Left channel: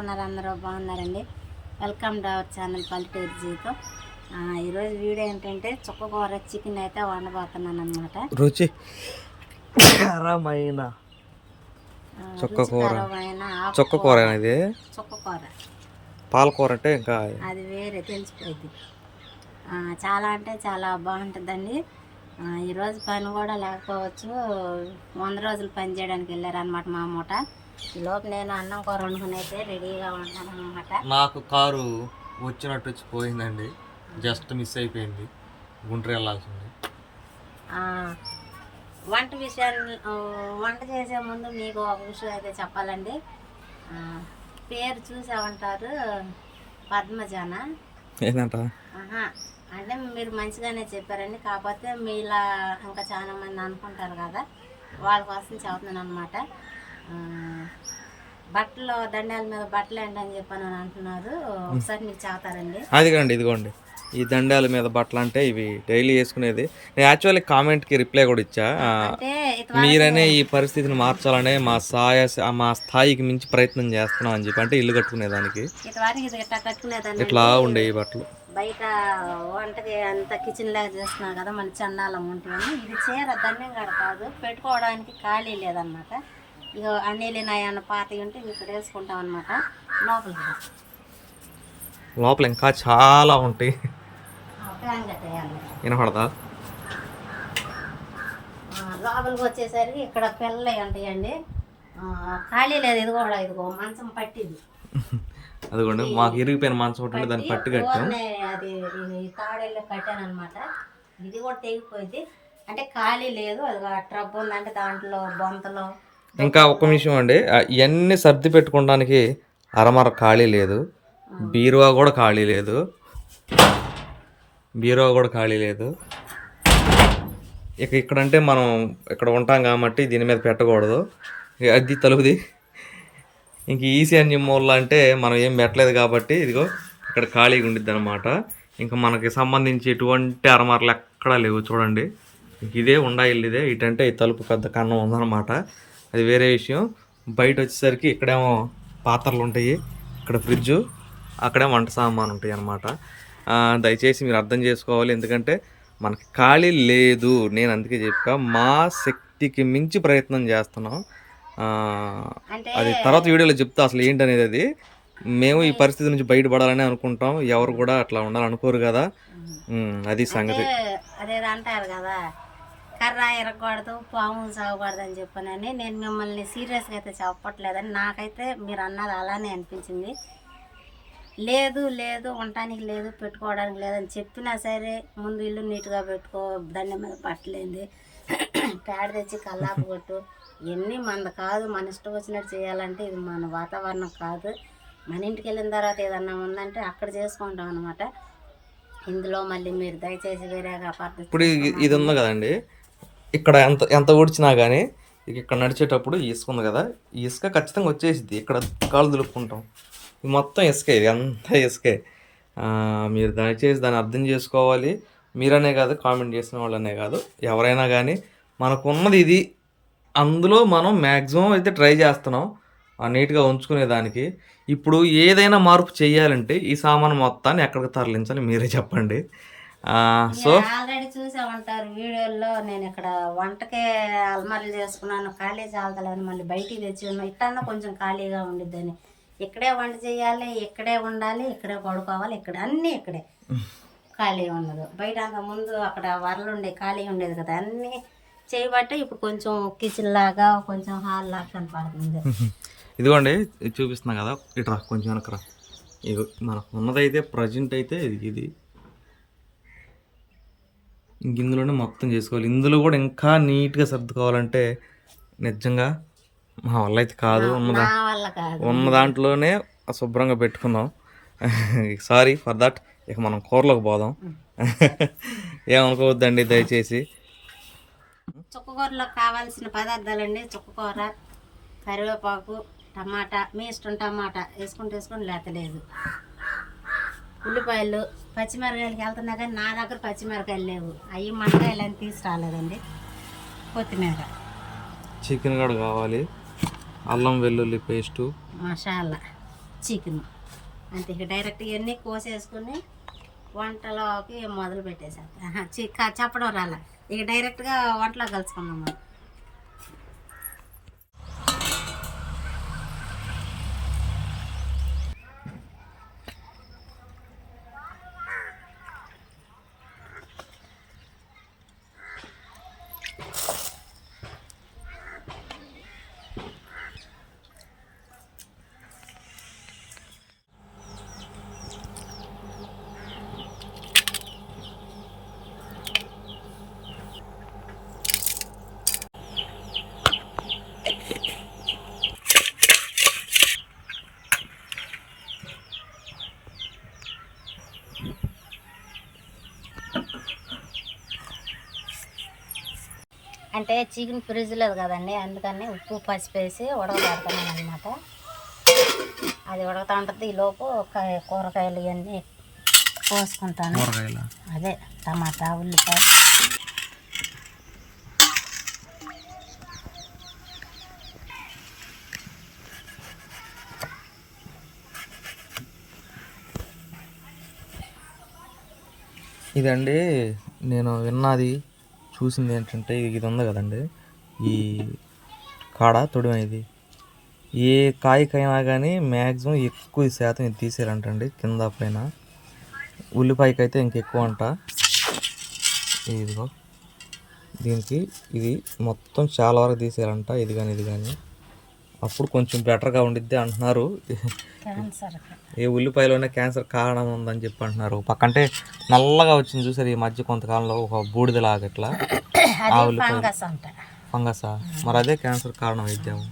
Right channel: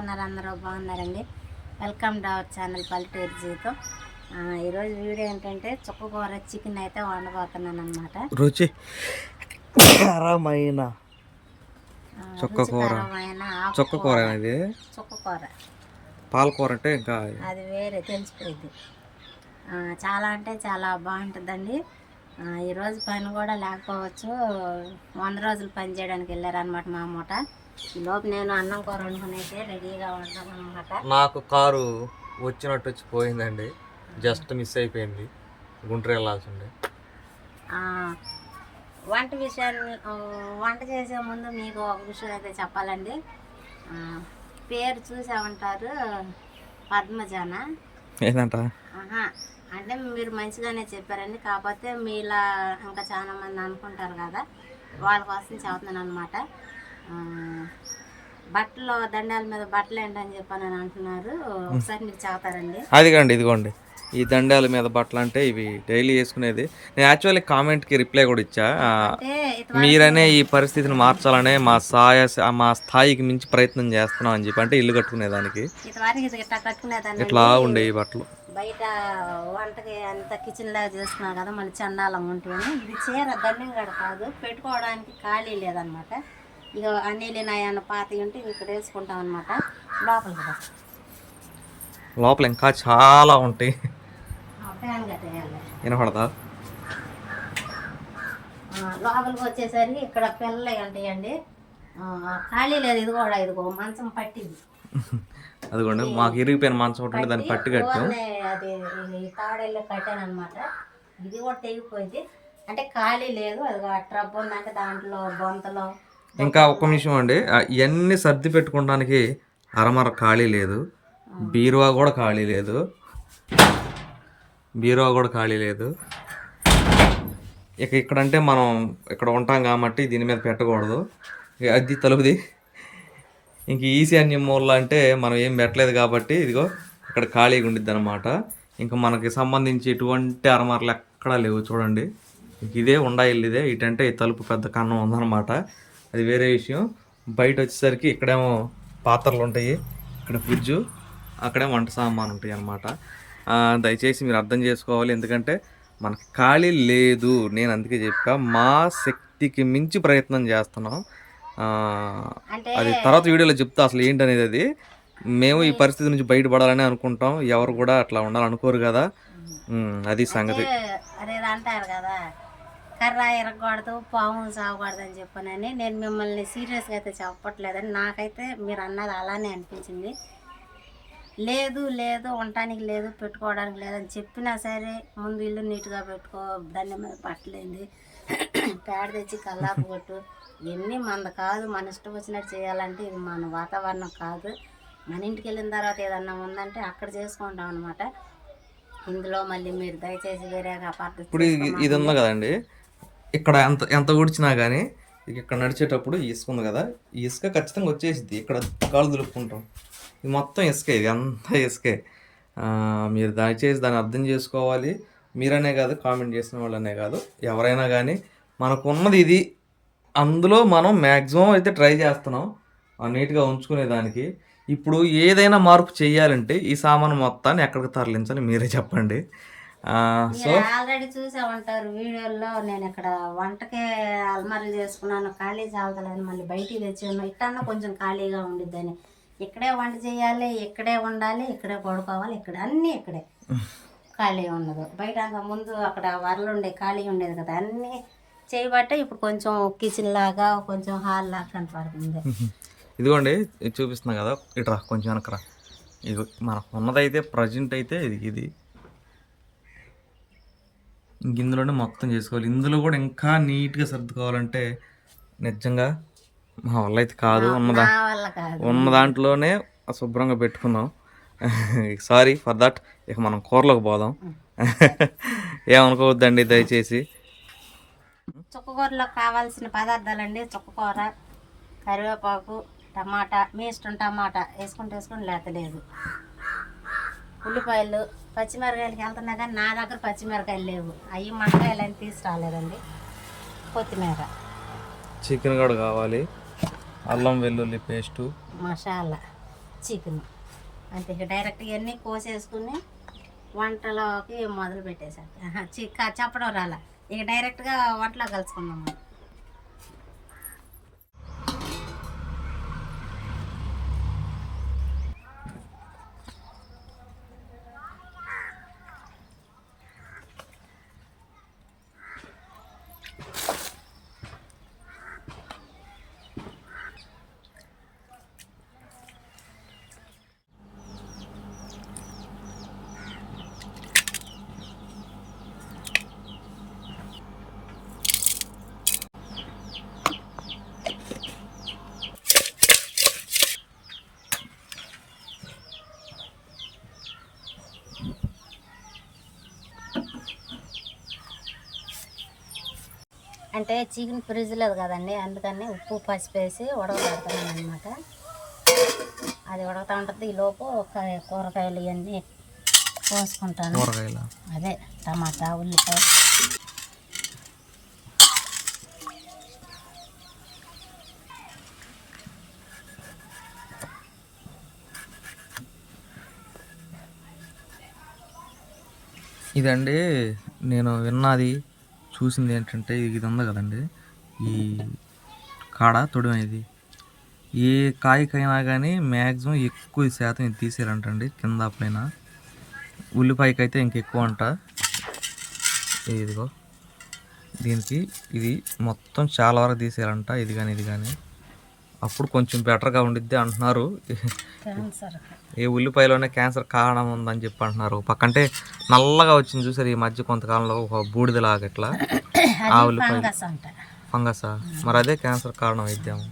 ఉన్నారు అందరూ బాగున్నారండి. వెల్కమ్ టు అవర్ ఛానల్ పల్లెటూరు జీవితం ఈరోజు వీడియో ఏంటంటే చుక్కకూర చికెన్ అయితే వండబోతున్నాను అనమాట రుచి కరమైన చుక్కకూర. చుక్కకూర ఇది చుక్కకూర పాలకూర అంటే ఇంకా అది వేరే తెలిసిపోయింది. చాలా అంటే చాలా బాగుంటుందండి. ఈరోజు పని కూడా లేకపోవచ్చు. వంద రోజులు పని చేయడానికి వెళ్ళారనమాట మా మూట ఈలోపు నేను అన్నం కూర వండుకుని అయితే రెడీగా ఉన్నాను అనమాట నాకు కారు వచ్చినట్టు వచ్చి పోయిందండి. జస్ట్ మిస్ అయిపోయింది. గుంటూరు వెళ్ళాల్సింది. వంట విషయాన్ని వంట చేసే ముందు మీకు ఒక విషయం అయితే చెప్పాలండి. ఆ, పేరు చూసామంటారు పద్మజాన? ఏంటంట ఆహా అంటే మీరు మంచిగానే చెప్పారండి. కాకపోతే మీలా ఇంకా చాలా మంది అనుకుంటారు కదా. వాళ్ళ కోసం చెబుతున్నాను అనమాట బట్టలు దండాల మీద బట్టలు ఏంటని చెప్పని అని అంటున్నారు. ఒకసారి మీకు చెబుతారండి అదిగోండి ఇదిగోండి. ఈ దండాల మీద బట్టలు అంటే ఇవి డైలీ వేసుకునేది. నేను యాక్చువల్లీ కామెంట్కి రిప్లై కూడా ఇచ్చా. మీరనే ఈ పరిస్థితిని మార్చాలనే మా సాయ మా స్థాయికి మించి ప్రయత్నం చేస్తున్నాం అని చెప్పి అంటే ఇల్లు కట్టుకునేదానికి. ఇట్లా ఉండే ఈ బట్టలు? బయట వంటకి అంత కిచెన్ లాగా చేస్తున్నాం కదా మళ్ళీ చండాలం ఉంటుంది ఇది చీర దండం కాదు పెట్టుకోవడానికి ఖాళీ లేదనమాట. ఇక అన్నీ నాయన్న పాత ఉంటే ఇక్కడ వేసుకుంటాం అనమాట లోపలికి రా. లోపల ఇంకా చాలా ఉంటాయి. వినపడదా? లోపలికి వచ్చేసరికి ఇక్కడ పిల్లలు ఉంటాయండి ఖాళీ లేదు ఇది కూడా ఇదిగో మంచం పట్టింది. అదిగోండి మాకు ఇరిగిపోయిన మంచం ఒకటి దాన్ని పట్టి కట్టాం. అది తాడేళ్ళు కట్టాను అనమాట ఇది కూడా తెగిపోయింది. అంటే ఖాళీ లేదు అది ట్రబ్ ఉందంటే దాంట్లో బొంతలో ఇంకా ఒక్క నిమిషం అండి. ఇవన్నీ సర్ది పెట్టుకోవడానికి అరమర ఖాళీ లేదు. బీరువా కూడా ఖాళీ లేదు. బీరువా కూడా ఖాళీ లేదు. ఇక ఇక్కడంటే మనం ఇక్కడ ఉంటాం కాబట్టి దీని మీద పెట్టకూడదు. అది తలుపుది. ఇంక ఈశాన్యం మూల అంటే మనం ఏం పెట్టలేదు కాబట్టి ఇదిగో ఇక్కడ ఖాళీగా ఉండిద్ది అనమాట ఇంకా మనకి సంబంధించి ఎటువంటి అరమరలు ఎక్కడా లేవు చూడండి. ఇదే ఉండా ఇల్లు ఇదే. ఇటంటే ఈ తలుపు పెద్ద కన్నం ఉందన్నమాట. అది వేరే విషయం. బయట వచ్చేసరికి ఇక్కడేమో పాత్రలు ఉంటాయి. ఇక్కడ ఫ్రిడ్జు అక్కడే వంట సామాన్ ఉంటాయి అన్నమాట. దయచేసి మీరు అర్థం చేసుకోవాలి. ఎందుకంటే మనకి ఖాళీ లేదు. నేను అందుకే చెప్పా మా శక్తికి మించి ప్రయత్నం చేస్తున్నాం. అది తర్వాత వీడియోలో చెప్తా అసలు ఏంటనేది అది. మేము ఈ పరిస్థితి నుంచి బయటపడాలని అనుకుంటాం. ఎవరు కూడా అట్లా ఉండాలనుకోరు కదా. అది సంగతి. అంటారు కదా కర్ర ఎరగకూడదు పాము సాగకూడదు అని చెప్పనని నేను మిమ్మల్ని సీరియస్గా అయితే చెప్పట్లేదని నాకైతే మీరు అన్నది అలానే అనిపించింది. లేదు లేదు ఉండటానికి లేదు పెట్టుకోవడానికి లేదని చెప్పినా సరే ముందు ఇల్లు నీట్గా పెట్టుకో దండం మీద పట్టలేంది. పేడ తెచ్చి కల్లాపు కొట్టు. ఇవన్నీ మనది కాదు మన ఇష్టం వచ్చినట్టు చేయాలంటే ఇది మన వాతావరణం కాదు. మన ఇంటికి వెళ్ళిన తర్వాత ఏదన్నా ఉందంటే అక్కడ చేసుకుంటాం అనమాట ఇందులో మళ్ళీ మీరు దయచేసి వేరేగా ఇప్పుడు ఇది ఉంది కదండి. ఇక్కడ ఎంత ఎంత ఊడ్చినా కానీ ఇక ఇక్కడ నడిచేటప్పుడు ఇసుక ఉంది కదా ఇసుక ఖచ్చితంగా వచ్చేసిద్ది. ఇక్కడ కాలు దులుపుకుంటాం. ఇది మొత్తం ఇసుకే ఇది అంతా ఇసుకే మీరు దయచేసి దాన్ని అర్థం చేసుకోవాలి. మీరనే కాదు కామెంట్ చేసిన వాళ్ళనే కాదు. ఎవరైనా కానీ మనకు ఉన్నది ఇది. అందులో మనం మ్యాక్సిమం అయితే ట్రై చేస్తున్నాం ఆ నీట్గా ఉంచుకునేదానికి ఇప్పుడు ఏదైనా మార్పు చేయాలంటే ఈ సామాను మొత్తాన్ని ఎక్కడికి తరలించాలి మీరే చెప్పండి. సో? ఆల్రెడీ చూసే ఉంటారు వీడియోల్లో. నేను ఇక్కడ వంటకే అల్మారీలు చేసుకున్నాను. ఖాళీ చాలతలేదని మళ్ళీ బయటికి తెచ్చి ఉన్నా ఇట్టన్నా కొంచెం ఖాళీగా ఉండిద్దని. ఇక్కడే వంట చేయాలి ఇక్కడే ఉండాలి ఇక్కడే పడుకోవాలి ఇక్కడ అన్నీ ఇక్కడే. ఖాళీ ఉండదు. బయట అంత ముందు అక్కడ వరలు ఉండే ఖాళీ ఉండేది కదా. అన్నీ చేయబట్టే ఇప్పుడు కొంచెం కిచెన్ లాగా కొంచెం హాల్ లాగా కనపడుతుంది. ఇదిగోండి ఇది చూపిస్తున్నా కదా. ఇట్రా కొంచెం వెనకరా ఇగో మనకు ఉన్నదైతే ప్రజెంట్ అయితే ఇది ఇది. ఇందులోనే మొత్తం చేసుకోవాలి. ఇందులో కూడా ఇంకా నీట్గా సర్దుకోవాలంటే నిజంగా మా వల్ల అయితే కాదు. ఉన్నదా? ఉన్న దాంట్లోనే శుభ్రంగా పెట్టుకుందాం. Sorry for that. ఇక మనం కూరలోకి పోదాం. ఏమనుకోవద్దండి దయచేసి. చుక్కకూరలో కావాల్సిన పదార్థాలండి. చుక్కకూర కరివేపాకు టమాటా మీ ఇష్టం టమాటా. వేసుకుంటే వేసుకుని లేతలేదు. ఉల్లిపాయలు పచ్చిమిరకాయలకి వెళ్తున్నా కానీ నా దగ్గర పచ్చిమిరకాయలు లేవు. అవి మండకాయలు అని తీసుకురాలేదండి. కొత్తిమీర. చికెన్ కూడా కావాలి. అల్లం వెల్లుల్లి పేస్టు. మసాలా. చికెన్. అంతే ఇక డైరెక్ట్ ఇవన్నీ కోసేసుకుని వంటలోకి మొదలు పెట్టేసేస్తా చి- క- చెప్పడం రాలా. ఇక డైరెక్ట్గా వంటలో కలుసుకుందాం మనం. అంటే చికెన్ ఫ్రిడ్జ్ లేదు కదండి అందుకని ఉప్పు పసుపు వేసి ఉడకబెడుతున్నాను అనమాట అది ఉడకతా ఉంటుంది. ఈ లోపు క- కూరగాయలు ఇవన్నీ కోసుకుంటాను. కూరగాయల? అదే టమాటా ఉల్లిపాయ. ఇదండి నేను విన్నది చూసింది ఏంటంటే ఇది ఉంది కదండి. ఈ కాడ తొడిమ ఇది ఏ కాయకైనా కానీ మ్యాక్సిమం ఎక్కువ శాతం ఇది తీసారంటండి కింద పైన. ఉల్లిపాయకి అయితే ఇంకెక్కువ అంట. ఇదిగో. దీనికి ఇది మొత్తం చాలా వరకు తీసారంట ఇది కానీ ఇది కానీ అప్పుడు కొంచెం బెటర్గా ఉండిద్ది అంటున్నారు. ఏ ఉల్లిపాయలోనే క్యాన్సర్ కారణం ఉందని చెప్పి అంటున్నారు. పక్కంటే నల్లగా వచ్చింది చూసారు ఈ మధ్య కొంతకాలంలో ఒక బూడిదలాగా ఇట్లా. ఆ అంట. ఫంగసా? మరి అదే క్యాన్సర్ కారణం అయిద్దాము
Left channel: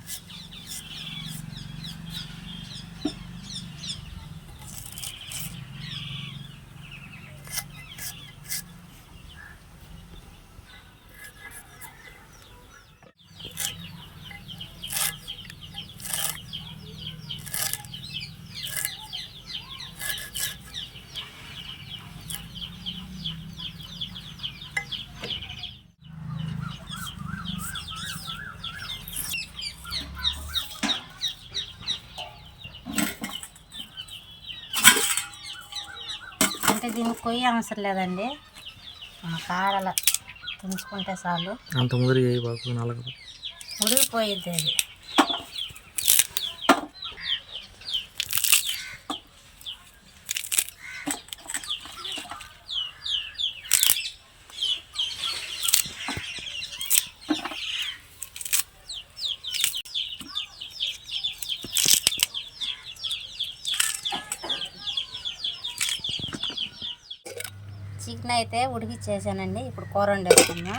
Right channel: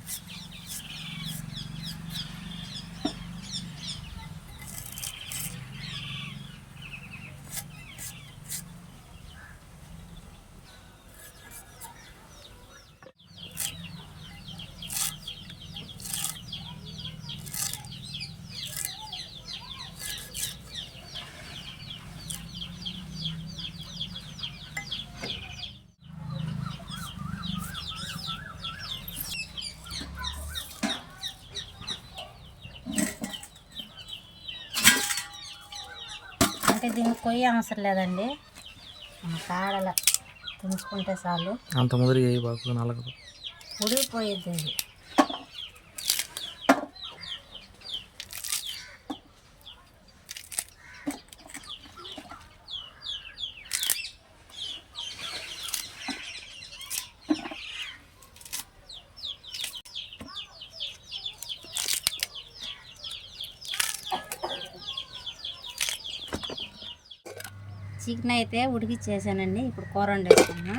కొయ్య అవసరం లేదండి. మన కాడల తుంచుకుంటే చాలు. అంత ముదిరి నలగదు. ఉడికిపోయిద్ది అది. చికెన్ అయితే ఉడికిచ్చేసానండి. ఇప్పుడు కూర వండేసుకుందాం.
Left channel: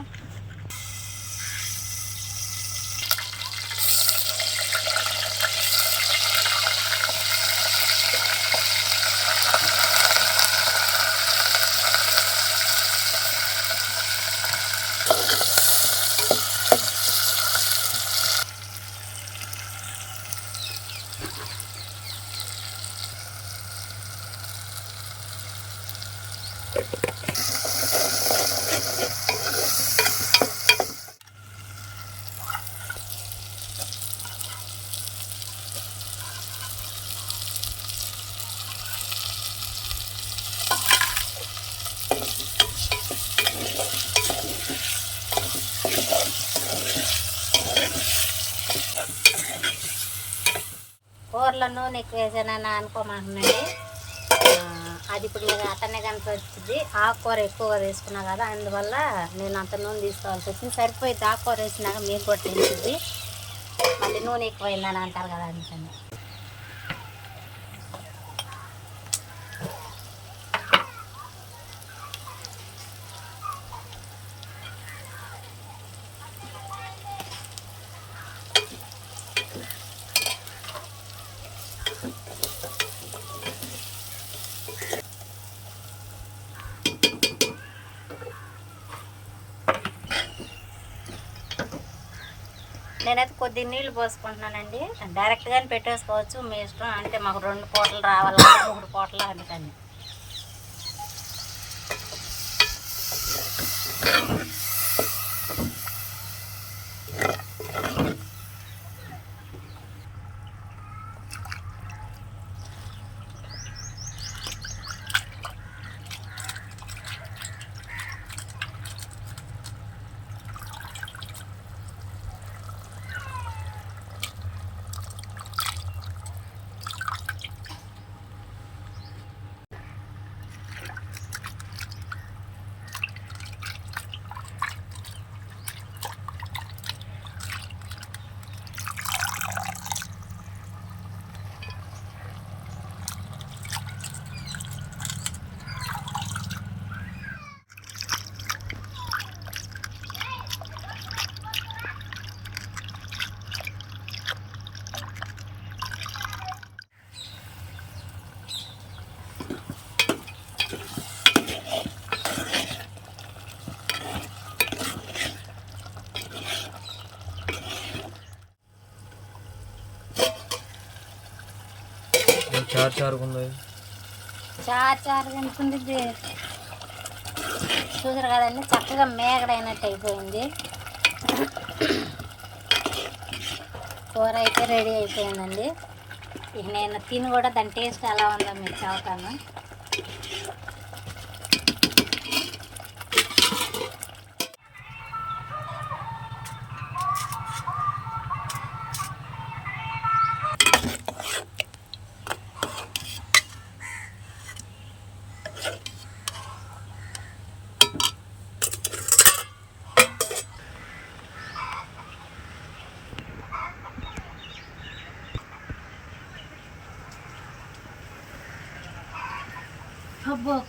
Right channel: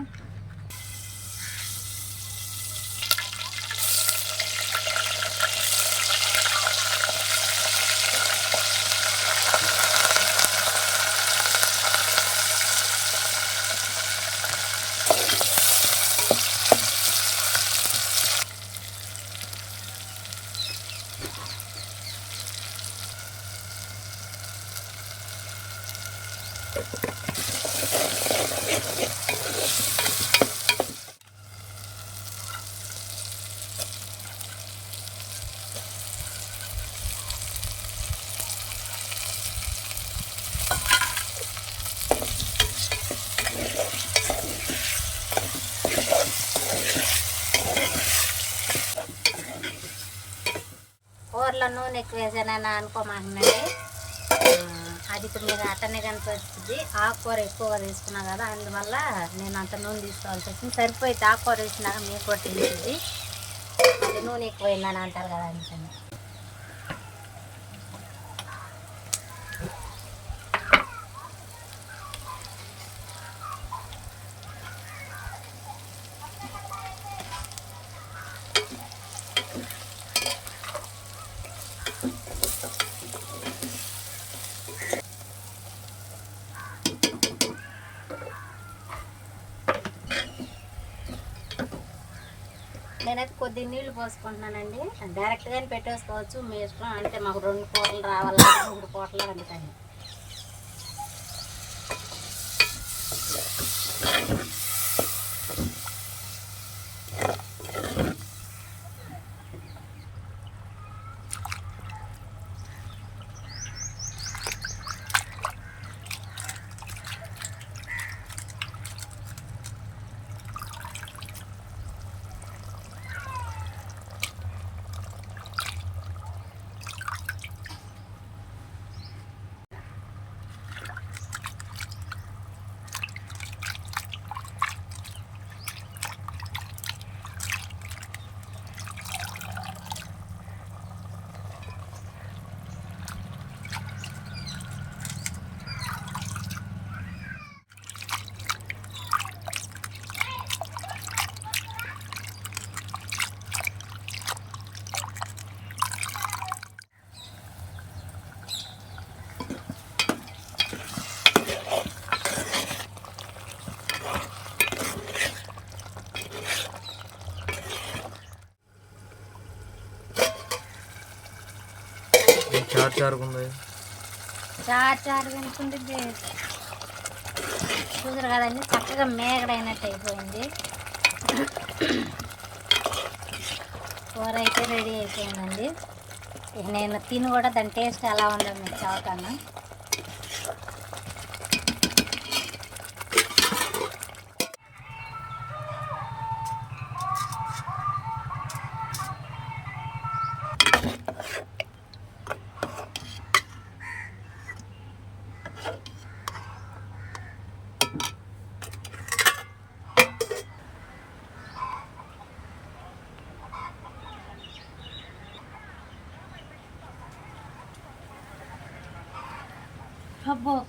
కూరలో నూనె ఎక్కువ వేసానని అనుకోమాకండి అది ఇప్పుడు అట్టనే కనిపించింది ఆకుకూర ఎక్కువగా వేసుకున్నా కదా అందువల్ల నేను అంత నూనె తీసుకోవాల్సి వచ్చింది. సరిపోయితే ఆకుకూర వేసినాక మీకు కూడా తెలిసింది మళ్ళీ నూనె ఎక్కువైందని అంటారు కదా అందుకని. నేనైతే కొద్ది నీళ్ళు పోసుకుంటున్నానండి. డైరెక్ట్గానే పెట్టేసుకోవచ్చు. మీ ఇష్టం అంటే మాకు రెండు పూటలు రావాలి మూడు పూటలు అందుకని. చార్ చారుగా ఉంది చారు చారు ఉంటుంది చూసారు కదండి చక్కగా మేగడైనట్టు అయిపోయింది. కూర అయితే రెడీ అయిపోయిందండి. ఇక నేను తిని కూడా దాని టేస్ట్ ఎలా ఉందో మీరు చెబుతాను.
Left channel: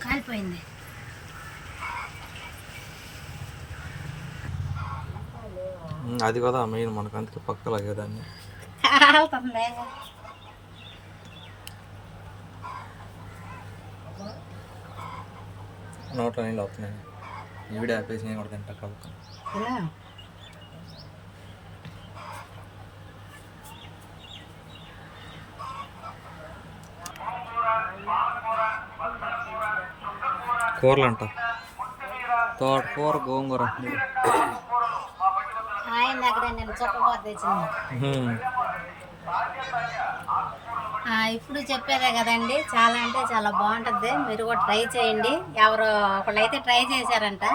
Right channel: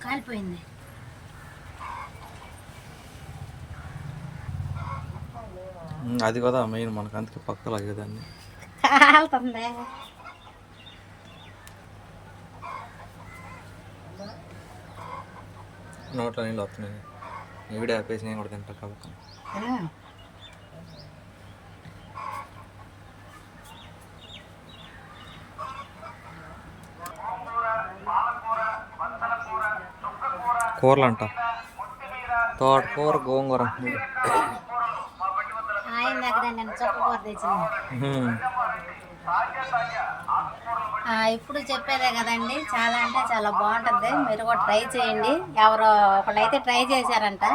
కాలిపోయింది. అది కదా మెయిన్ మనకు అందుకే పక్క లాగేదాన్ని. కాలుతుంది. నోట్లో నీళ్ళు వస్తున్నాయి. ఈవిడ ఆపేసి నేను కూడా తింటా కాబట్టి కూరలు అంట తోటకూర గోంగూర. ఇప్పుడు చెప్పేదే కదండి చాలా అంటే చాలా బాగుంటుంది. మీరు కూడా ట్రై చేయండి. ఎవరో ఒకళ్ళైతే ట్రై చేశారంట.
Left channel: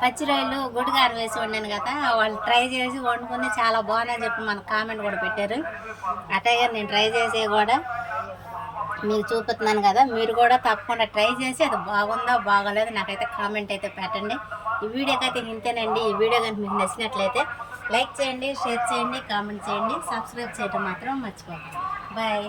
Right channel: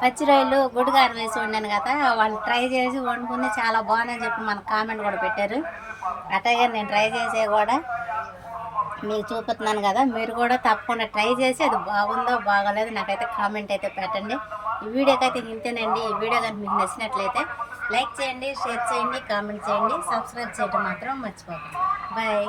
పచ్చి రొయ్యలు గుడిగారం వేసి వండాను కదా వాళ్ళు ట్రై చేసి వండుకుని చాలా బాగున్నాయి చెప్పి మనకు కామెంట్ కూడా పెట్టారు. అట్లాగే నేను ట్రై చేసే కూడా. మీకు చూపుతున్నాను కదా మీరు కూడా తప్పకుండా ట్రై చేసి అది బాగుందో బాగోలేదు నాకైతే కామెంట్ అయితే పెట్టండి. ఈ వీడియోకి అయితే ఇంతేనండి. ఈ వీడియో కనుక మీకు నచ్చినట్లయితే లైక్ చేయండి షేర్ చేయండి కామెంట్ చేయండి సబ్స్క్రైబ్ చేయడం మాత్రం మర్చిపోకండి. బాయ్